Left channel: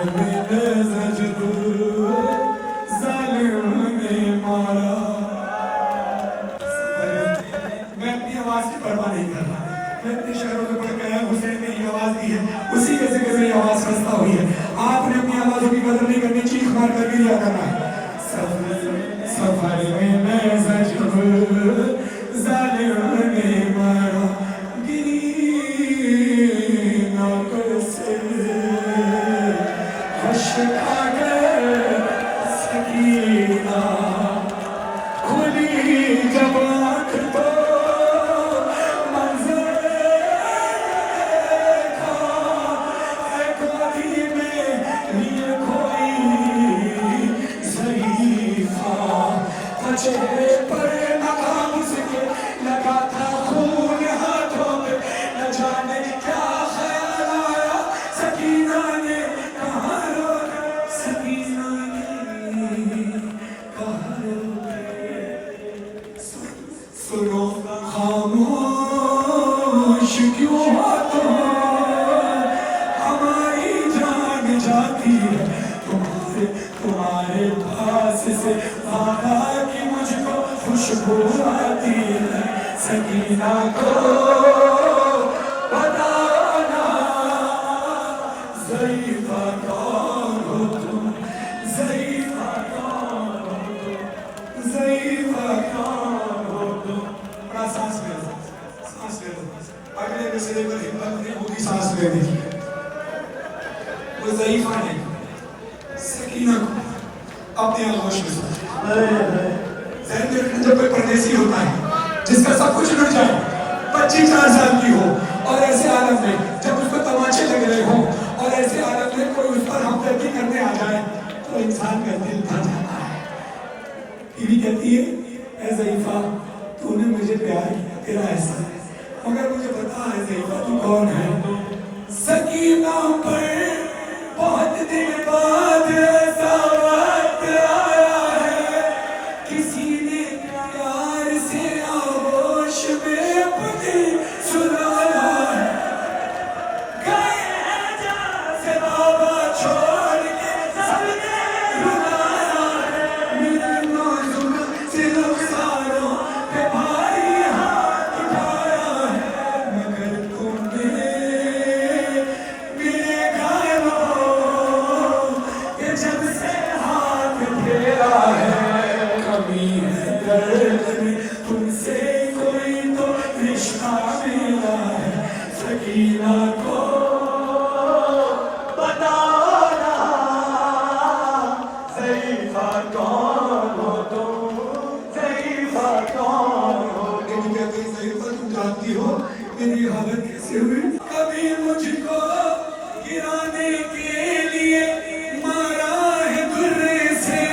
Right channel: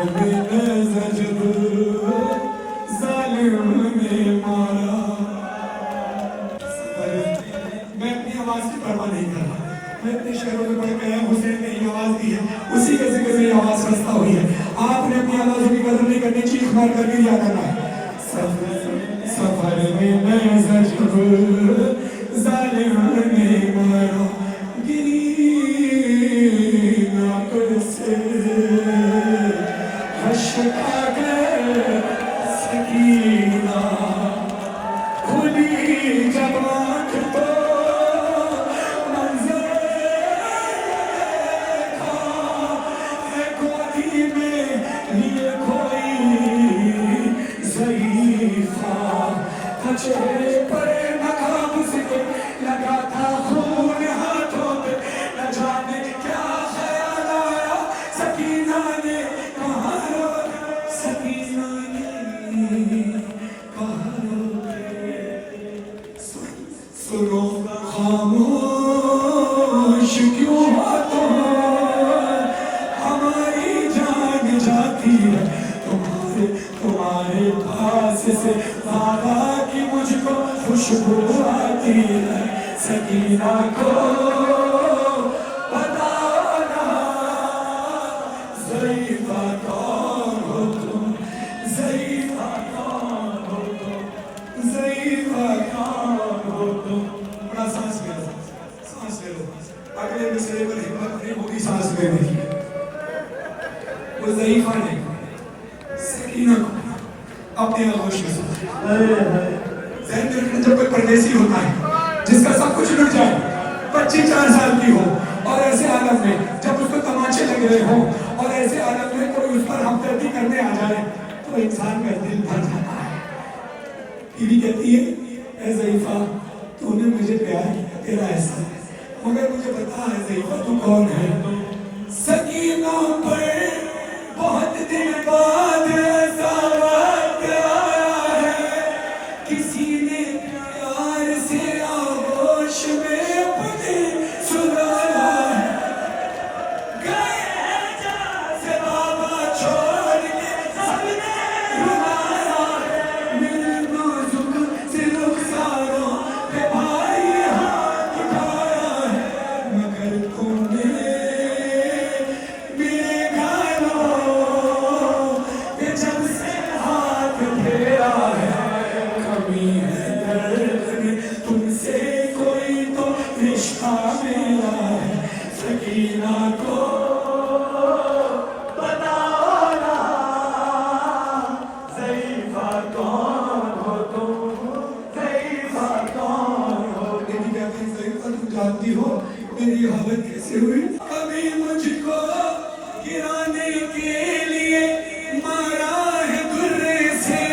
میں اپنی آواز کی پرواہ نہیں کر رہا. میں اپنے شہروں میں پڑھ گیا حسین نے یہ آواز دی ہے, اسی کے ذکر سے یہ آواز خستہ ہوئی ہے. آپ نے اپنی آوازوں کی قدر نہیں کرنی, چیخ مار کر بھی لیا کرنا ہے. سفر میں زجر ظالم نے مارا گری ناکر سے حشقہ گر سکینہ کھلی جب آنکھ تو منظر دیکھا ہے گودی میں لیے کوئی ضعیفہ تھا چہرے پر نقاب ذکر لگا تھا خون ہاتھوں پہ نہ جانے کیا خیال آیا سکینہ نے کہا رو سکینہ نے کہا رو سنو خاموش کیوں ہو تم ہماری جان جاتی ہے تمہارے پاس سے زیادہ کی مجھ کو خوشبو آتی ہے سکینہ کو بتانا ضعیفہ کون ہو تم ضعیفہ کون ہو تم ضعیفہ کون ہو تم. بڑا سانس لے لو, سانس لے لو. اگلے مصرعے پر ہمت نہیں ہوگی سانس لینے کی. وہ ضعیفہ نہیں, سکینہ کو اپنے آغوش میں سمجھے. ذہن میں رکھنا, جب کوئی پردیسی ہوتا ہے جس کا سب کچھ لٹ جائے, 25-4 سال کی ہو, اور ایسے عالم میں جب اس کو تماچے لگ رہے ہوں, اور ایسے عالم میں کوئی اس پر ہمدردی کرنے آ جائے, تو انسان کا دل بھر جاتا ہے. بیوی کہتی ہے اے ضعیفہ تو نے مجھے پیار کیا, تیرا احسان ہے, مگر مجھے بتا ہے ضعیفہ تو کون ہے. سکینہ پر بہت دن بعد ایسا وقت آیا ہے, کسی نے پیار سے آغوش میں اپنی سلایا ہے. گئے ہیں جہاں سے بابا چھوڑ کے سب نے رلایا ہے, میرے نازک سے رخساروں پہ بھاری ہاتھ اٹھایا ہے, مگر تم نے میرے گھروں پہ جب سے ہاتھ پھیرا ہے, کبھی ہے درد میں تم سے کوئی تو رشتہ ملا ہے. سکینہ کو بتانا ضعیفہ کون ہو تم ضعیفہ کون ہو تم. کہتے ہیں ضعیفہ تم جانتی ہو میری حالت کیسے ہوئی. کبھی مجھ کو گرانے کے لیے مارا ہے گرے سے,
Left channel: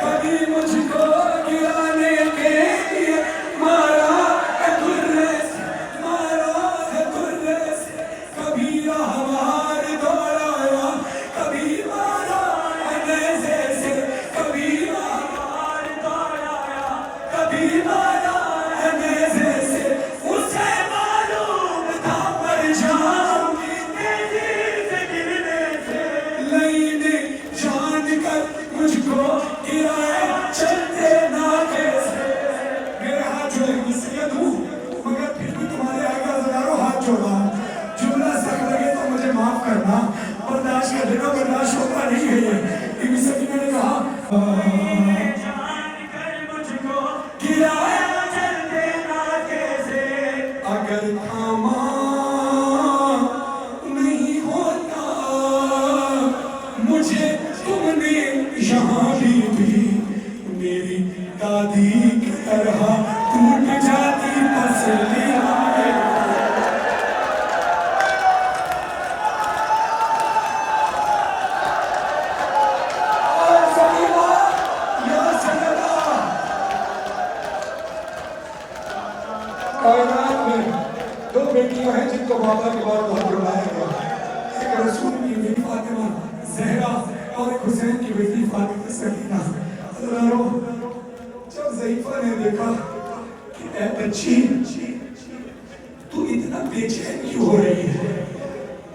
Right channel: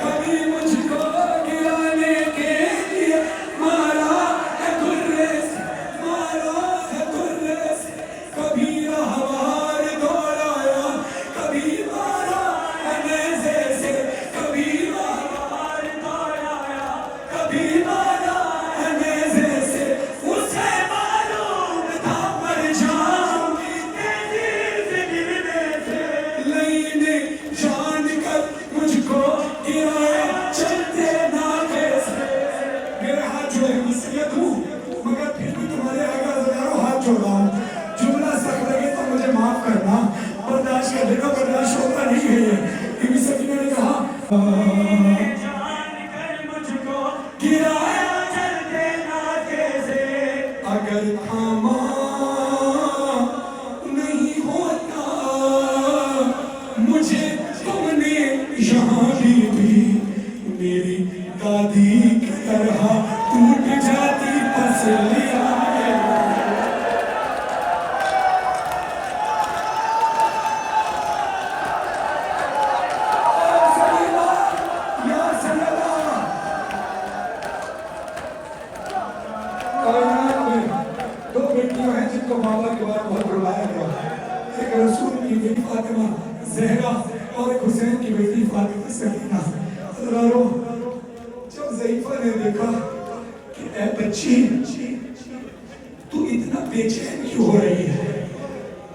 کبھی مجھ کو گرانے کے لیے مارا ہے گرے سے, مارا ہے گرے سے. کبھی راہوار دوڑایا, کبھی مارا ہے نیزے سے, کبھی راہوار دوڑایا, کبھی مارا ہے نیزے سے. اسے معلوم تھا مر جاؤں گی تیزی سے گرنے سے, لئی نے جان کر مجھ کو گرایا چلتے ناکے سے. میرے ہاتھ جو ہے مسیحیت ہوں, مگر پھر بھی تمہارے آگے ہزاروں ہاتھ جوڑا ہوں. جملہ سخت لگے تو مجھے معاف کرنا, برداشت کر لینا, برداشت ہوتا نہیں ہے یہ. بی بی سکینہ نے کہا جان کر مجھ کو گرایا چلتے ناکے سے, اگر تھاما نہیں ہوتا مجھے تم نے یہاں بھی میری دادی کی طرح ٹوٹ جاتی پسلیاں. کائنات میں 2 بیٹیاں ہیں جن کو بابا کے بعد بہت بلایا گیا. ایک رسول کی بیٹی فاطمہ زہرا اور ایک حسین کی بیٹی فاطمہ سکینہ. حضرارو, جب ضعیفہ نے دیکھا کہ اے بچی تو اتنا بے چین کیوں ہو رہی ہے,